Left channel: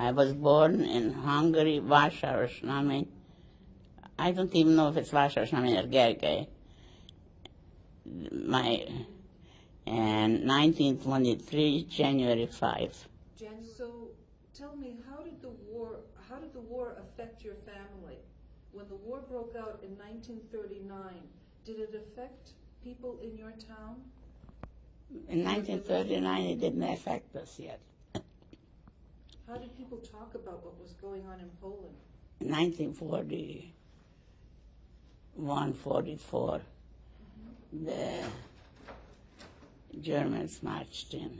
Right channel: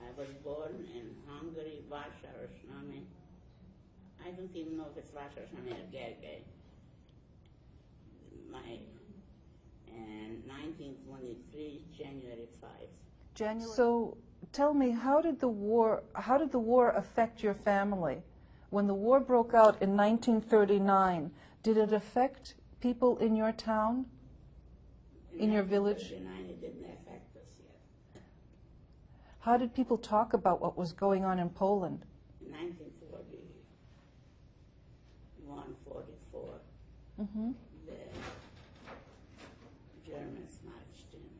I was born in Hungary, Vásárosnámén. I don't even know if it's Vásárosnámén or Gergely. And 1923, January 5. So tell me, how did the war affect your family? When the war broke out in 1939, did it affect people in your town? In 1939, it didn't affect us yet. How did people talk about what was going on in Poland? In 1941, 44, the Germans marched in,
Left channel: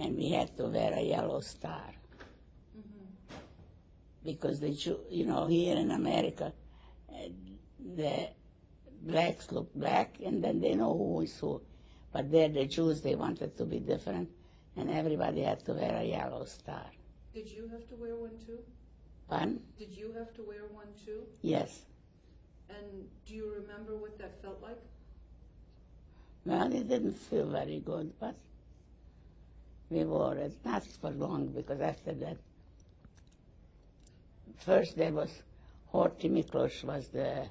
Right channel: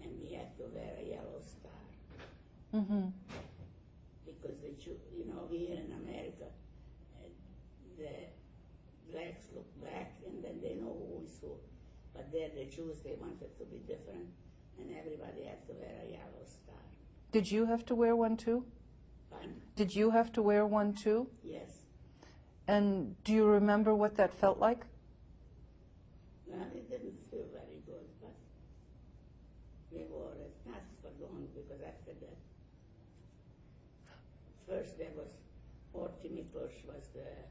and we had to wear a yellow star. Because the here in America, the blacks look black, and then they know who is who. But there, the Jews, they wanted to be different, and everybody had to wear a yellow star. Did you have to wear one too? Pardon? Did you have to wear one too? Yes. And do you remember what that felt like? Well, it didn't feel very good, but we wore it, not for long, because after that, first there was Horthy Miklós was the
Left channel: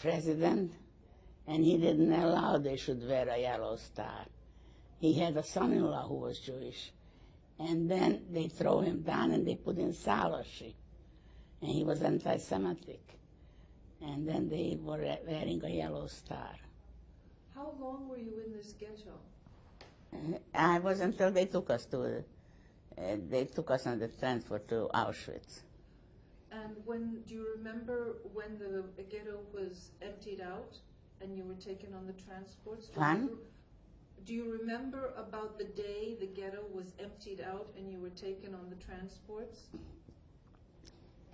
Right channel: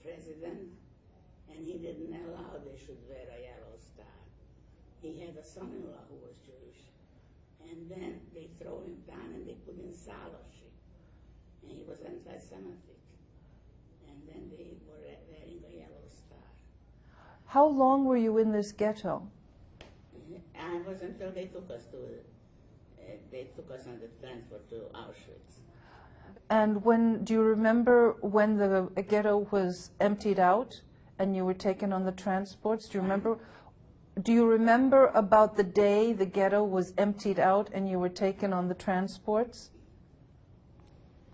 president, and he didn't allow they should wear a yellow star. He had a son-in-law who was Jewish, and then they throw him down and they put in Szálasi, and he was anti-Semitic, and then they were wearing a yellow star. How long were you in this ghetto? I was until they took us on the transport to Auschwitz. And do you remember when the ghetto was emptied out and you were taken on the transports? Do you remember? Do you remember about the day the ghetto was emptied out and you were taken on the transports?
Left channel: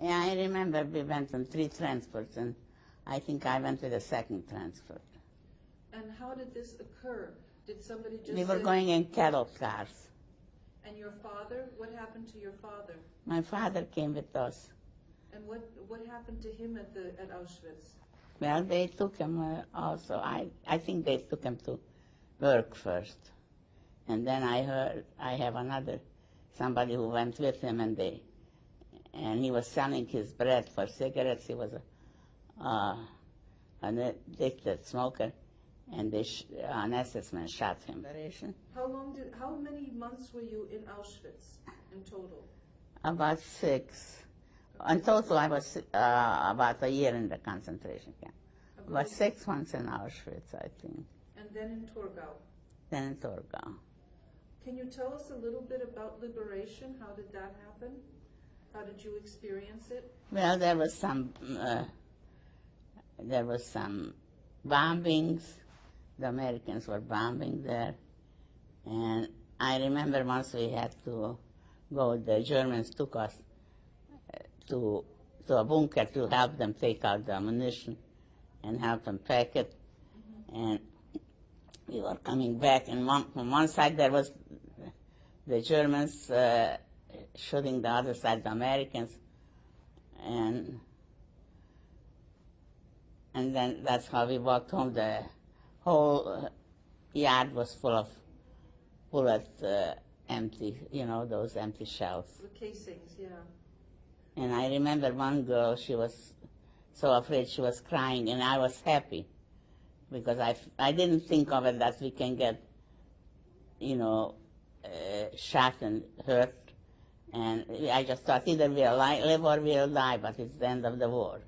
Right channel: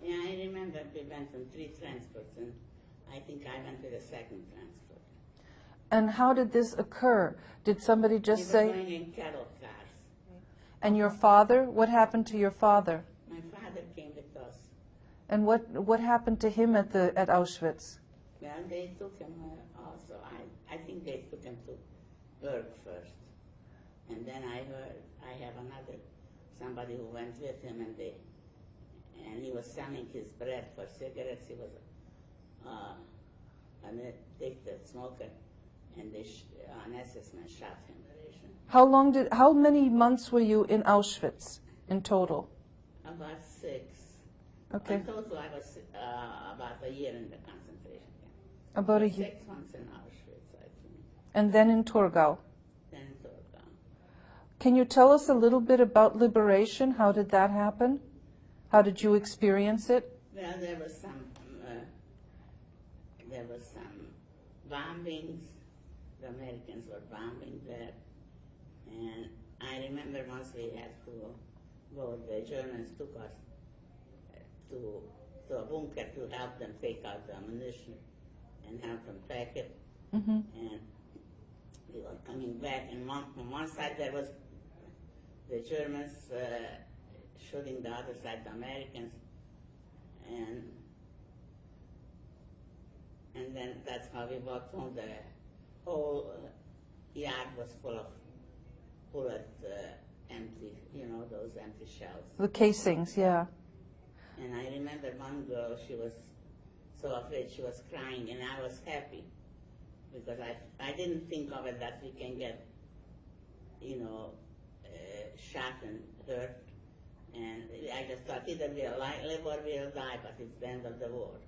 Yeah, I remember we went on 3 transports, and I think I went with the second transport. And how did this occur? Did somebody just say... We were going in cattle cars. And your father? What happened to your father? My father came with us. And what happened to him at Auschwitz? Well, they took him also. I think they took him to work first. And then I heard I have somebody who went with him, and he was selling his bread for cigarettes. He was an addicted smoker, and an SS man shot him. How many months were you in Auschwitz in total? About 6. Okay. In total, I was about a year in the concentration camp. About 6 months in Auschwitz, I think. And then in Torgau? Then in Torgau. Can you tell us a little bit about liberation? How did that happen? How did you experience it? Well, there was some bombings. The Americans were bombing there. And I remember once we had to go, the Germans took us to a bunker to help them take out the ammunition and help them pack it. And we were coming back, and on one side there was the Germans shooting the other side, the Americans, and then that's how we walked home. The whole yard was full of bullet empty, those empty shells. The casings, yeah. And I remember one girl, she was so afraid, she was crying, and I was happy because I didn't think of it that we can get, shot and hurt. And I just thought either we'll live or we'll die, but it's the end of the war.